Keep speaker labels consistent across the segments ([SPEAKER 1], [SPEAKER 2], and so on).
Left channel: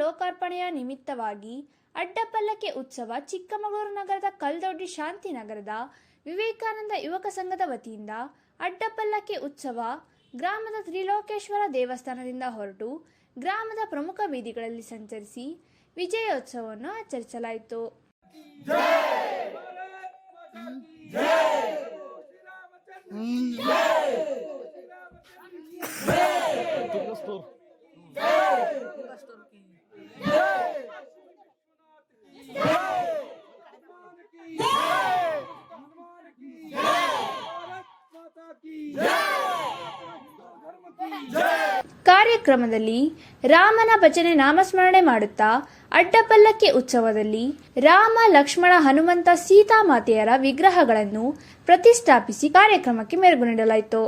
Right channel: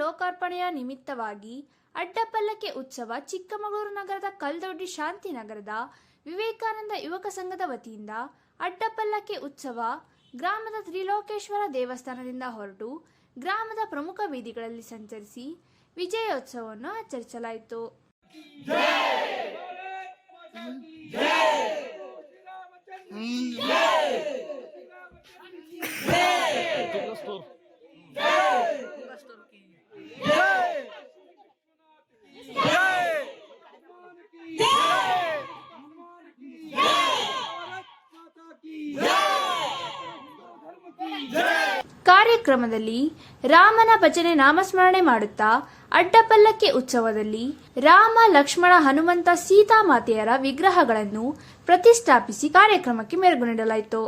[SPEAKER 1] ಲೋಕಾರ್ಪಣೆಯ ನಿಮಿತ್ತವಾಗಿ ಅಡ್ಡಪಲ್ಲಕ್ಕೆ ಉತ್ಸವ ಚಿಕ್ಕಮಗಳೂರು ನಗರದ ಕಲ್ದೊಡ್ಡಿ ಶಾಂತಿನಗರದ ವಿವೇಕಾನಂದ ಯುವಕ ಸಂಘದ ವತಿಯಿಂದ ಅಡ್ಡಪಲ್ಲಕ್ಕೆ ಉತ್ಸವ ಗ್ರಾಮದ ತ್ರಿಲೋಕೇಶ್ವರ ದೇವಸ್ಥಾನದಿಂದ ಹೊರಟು ಗ್ರಾಮದ ಪ್ರಮುಖ ಬೀದಿಗಳಲ್ಲಿ ಸಂಚರಿಸಿ ವಿಜಯೋತ್ಸವವನ್ನು ಆಚರಿಸಲಾಯಿತು. ಕಾರ್ಯಕ್ರಮದಲ್ಲಿ ರಾಮನ ಭಜನೆ ನಾಮಸ್ಮರಣೆ ಮಾಡುತ್ತಾ ಅಡ್ಡಪಲ್ಲಕ್ಕಿ ಉತ್ಸವದಲ್ಲಿ ರಾಮ, ಲಕ್ಷ್ಮಣ, ಹನುಮಂತ ಸೀತಾಮಾತೆಯರ ವಿಗ್ರಹಗಳನ್ನು ಪ್ರತಿಷ್ಠಾಪಿಸಿ ಕಾರ್ಯಕ್ರಮಕ್ಕೆ ಮೆರುಗು ನೀಡಲಾಯಿತು.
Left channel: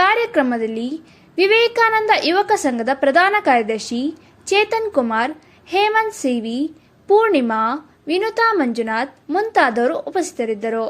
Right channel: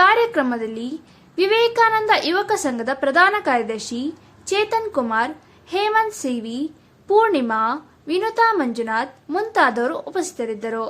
[SPEAKER 1] ಕಾರ್ಯಕ್ರಮದಲ್ಲಿ ವಿವೇಕಾನಂದ ಯುವಕ ಸಂಘದ ಪ್ರಧಾನ ಕಾರ್ಯದರ್ಶಿ ಚೇತನ್ ಕುಮಾರ್, ಹೇಮಂತ್ ಸಿವಿ, ಪೂರ್ಣಿಮಾ, ವಿನುತಾ ಮಂಜುನಾಥ್ ಮುಂತಾದವರು ಉಪಸ್ಥಿತರಿದ್ದರು.